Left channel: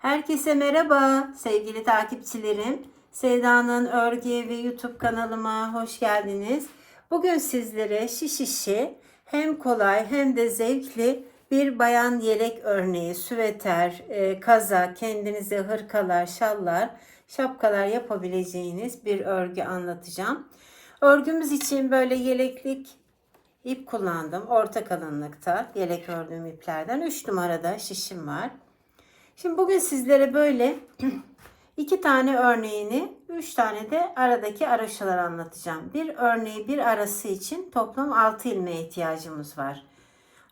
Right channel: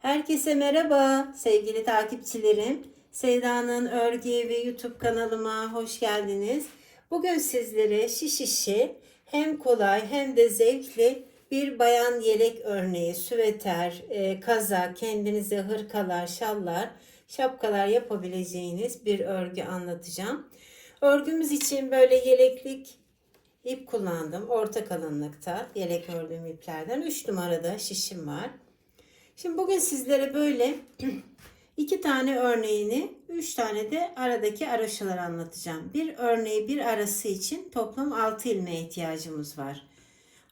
Herkese merhaba sevgili takipçilerim. Sevda'nın Örgü ve YouTube kanalıma hoş geldiniz. Bugün sizlere şiş işi hem kolay hem de zevkli bir bayan yelek örneği, süveter, e, kaza, kendinize hırkalar, şallar, şapkalar yapabileceğiniz bir örgü anlatacağım. Örgümüz için böyle yeleklik ip kullandım. Orta kalınlıkta yelek ördüğüm iplerden 3 numarada şişim var. Şimdi bugün sizlere böyle iki tane örneğini, üç tane de aradaki araşalar anlatacağım. Bir örneği bir arası için toplam 6 ilmeğe ihtiyacımız var.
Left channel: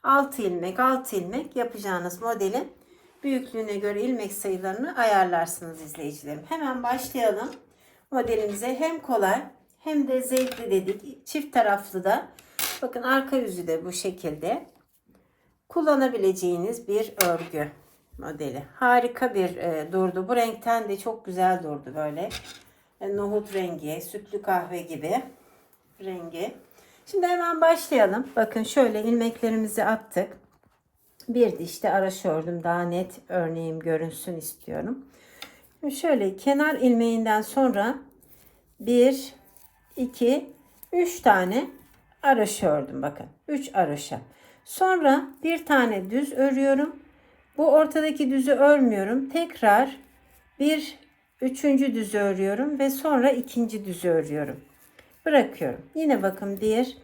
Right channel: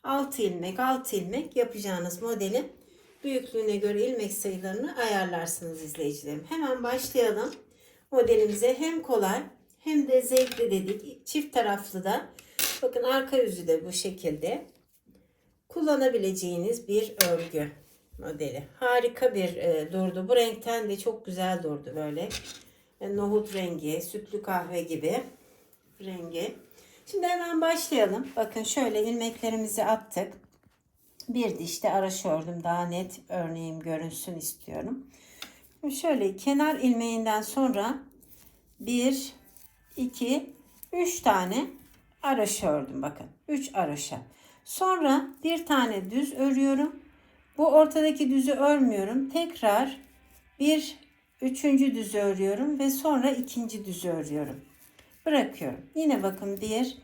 6 ilmek, 6 ilmek yapacağınız modelin büyüklüğüne göre ilmek sayılarını ayarlarsınız izleyicilerim. Hemen başlayalım. Modelimize hem kolay hem de zevkli dedik. Çift taraflı da bakın arka yüzü de bu şekilde kullanabileceğiniz bir örgü modeli. Harika bir e, durdu. Bu renkten de çok güzel durdu böyle. E, nohut rengi, sütlü kahve gibi rengi. Şimdi hemen başlayalım. Bakın şöyle ilmeklerimizi attık. Bir dişte araş ördüm. Daha net örneğim görünsün istiyorum. Şimdi şöyle kenar ilmeğinden sonra 1, 2, 3 tane araş ördüm. Bakın 3 araşa. Sonra bir tane düz örüyorum. Bu ortadaki düzü örmüyorum. Tekrar bir üçüncü düzü örüyorum ve sonra ikinci düzü örüyorum. Bırakıyorum. Yine bakın bir,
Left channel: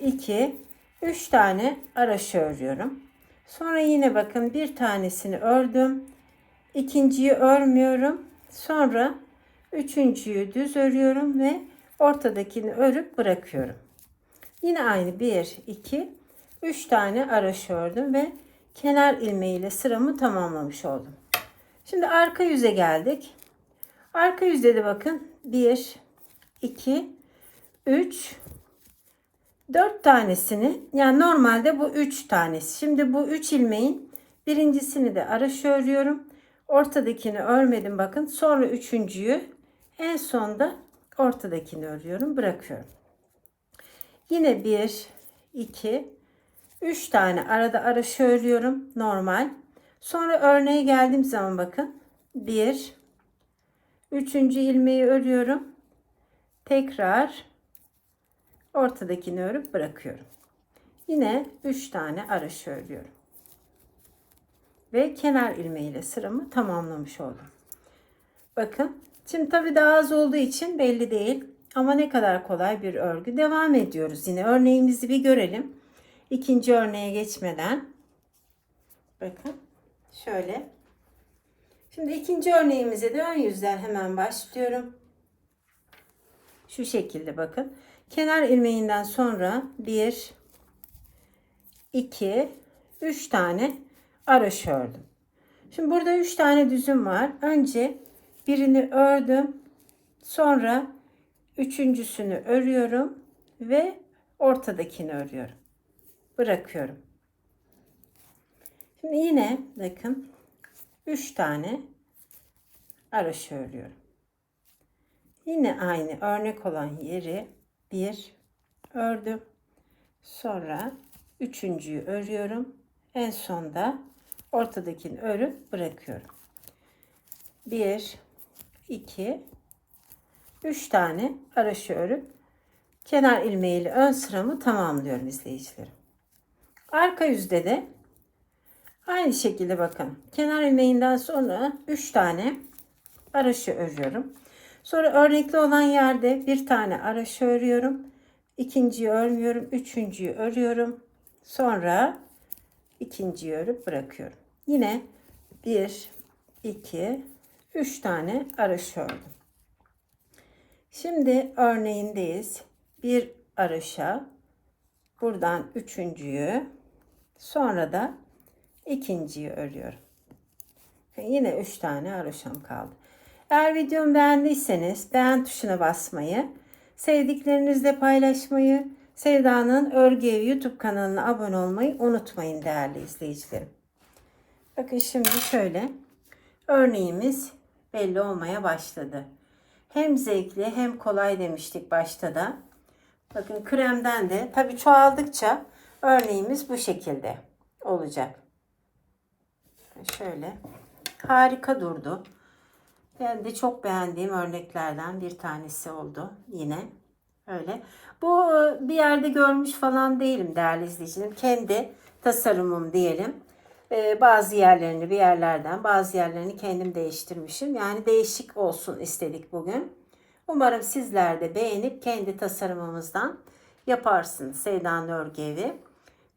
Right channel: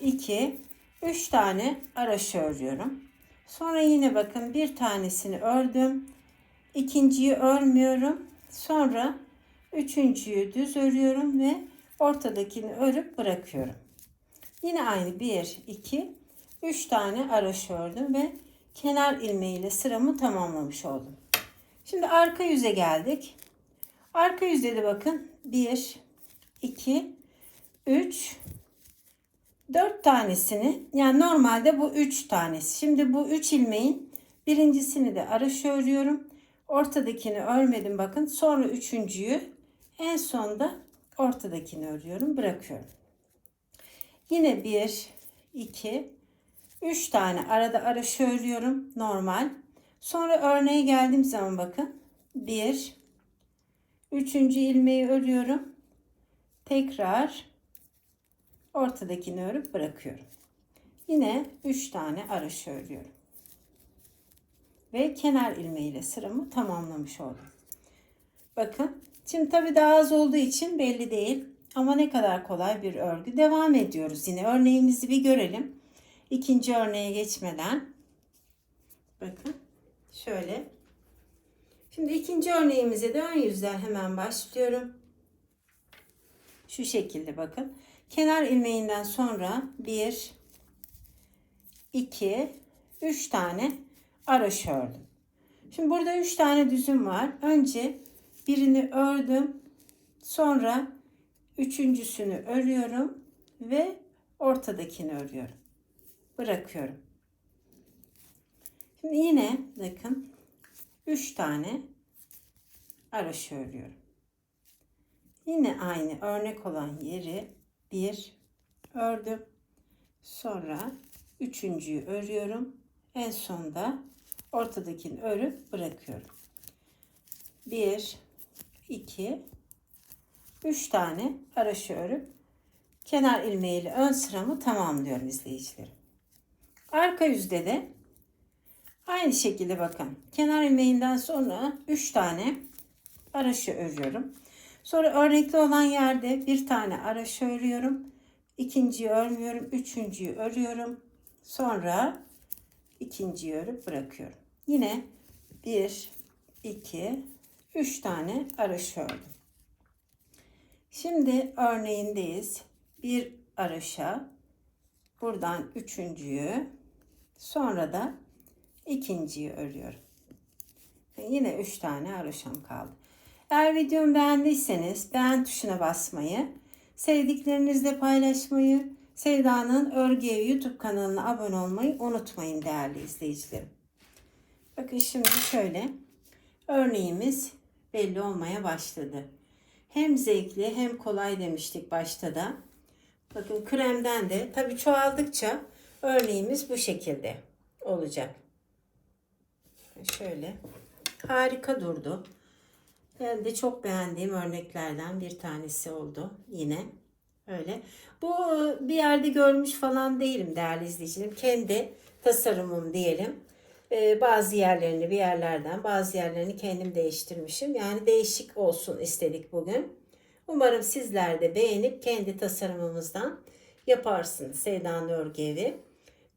iki, üç tane araşı örüyorum. Sonra yine bakın bir tanesini ördüm. İkinciyi örmüyorum. Sonra üçüncüyü düz örüyorum ve ortadakini örüp bırakıyorum. Yine aynı bir, iki, üç tane araş ördüm ve kenar ilmeğiyle sıramı tamamlamış oldum. Şimdi arka yüze geldik. Arka yüzde de bakın 1, 2, 3, 4 tanesini yani normalde bu 3 tanesi. Şimdi bu 3 ilmeğin birincisini de araş örüyorum. Ortadakini örmedim bakın. Sonra üçüncüyü en sonda ortadakini örüyorum. Bırakıyorum. Yine 1, 2, 3 tane arada araşı örüyorum normal. Sonra örneğe geldiğim zaman bakın 1 3. ilmeği örüyorum. Tekrar ortadakini örüp bırakıyorum. Yine 3 tane araşı örüyorum. Ve kenar ilmeğiyle sıramı tamamlamış oldum. Bakın şimdi tabi daha az olduğu için belli değil. Ama ne kadar kolay bir örgü. Devam ediyoruz yine. Örneğimizi bir görelim. İkinci örneğe geçmeden bakın şöyle. Şimdi ikinci örneğimize de ön yüzden hemen başlıyorum. Şu şekilde bakın. Kenar ilmeğinden sonra 1 2 3 tane araş ördüm. Şimdi burada 3 tane düzüm var. Önce birini ördüm. Sonra üçüncüsünü örüyorum ve ortadakini örüyorum bırakıyorum. Şimdi yine bakın 3 tane araş örüyorum. Yine aynı örnek olan yeri bir ördüm. Sonra üçüncüyü örüyorum. En sonda ortadakini örüp bırakıyorum. 1 2 3 tane araşı örüp kenar ilmeğiyle ön sıramı tamamlıyorum izleyicilerim. Arka yüzde de aynı şekilde bakın. Kenar ilmeğinden sonra 3 tane araşı örüyorum. Sonra örnekli olan yerde bir tane araşı örüyorum. İkinciyi örmüyorum. Üçüncüyü örüyorum. Sonra ikinciyi örüp bırakıyorum. Yine 1, 2, 3 tane araşı ördüm. Şimdi örneğindeyiz. Bir araşa buradan üçüncüyü Sonra da ikinciyi örüyorum. Ve yine üç tane haroşam kaldı. Eğer videomu beğendiyseniz beğen tuşuna basmayı, sevdiklerinizle paylaşmayı, Sevda'nın Örgü Evi YouTube kanalına abone olmayı unutmayın değerli izleyicilerim. Bakın şimdi şöyle örneğimiz belli olmaya başladı. Hem zevkli hem kolay demiştik başta da. Bakın kremden de tabi çoğaldıkça Örneğimiz bu şekilde olacak. Şöyle Harika durdu. Ben de çok beğendiğim örneklerden bir tanesi oldu yine. Öyle. Bu e, bir yerde görmüş falan değilim değerli izleyicilerim. Kendi tasarımım diyelim. Ee, bazı yerlerini bir yerlerden bazı yerlerini kendim değiştirmişim. Yani değişik olsun istedik bugün. Umarım sizler de beğenip kendi tasarımımızdan yaparsınız Sevda'nın Örgü Evi.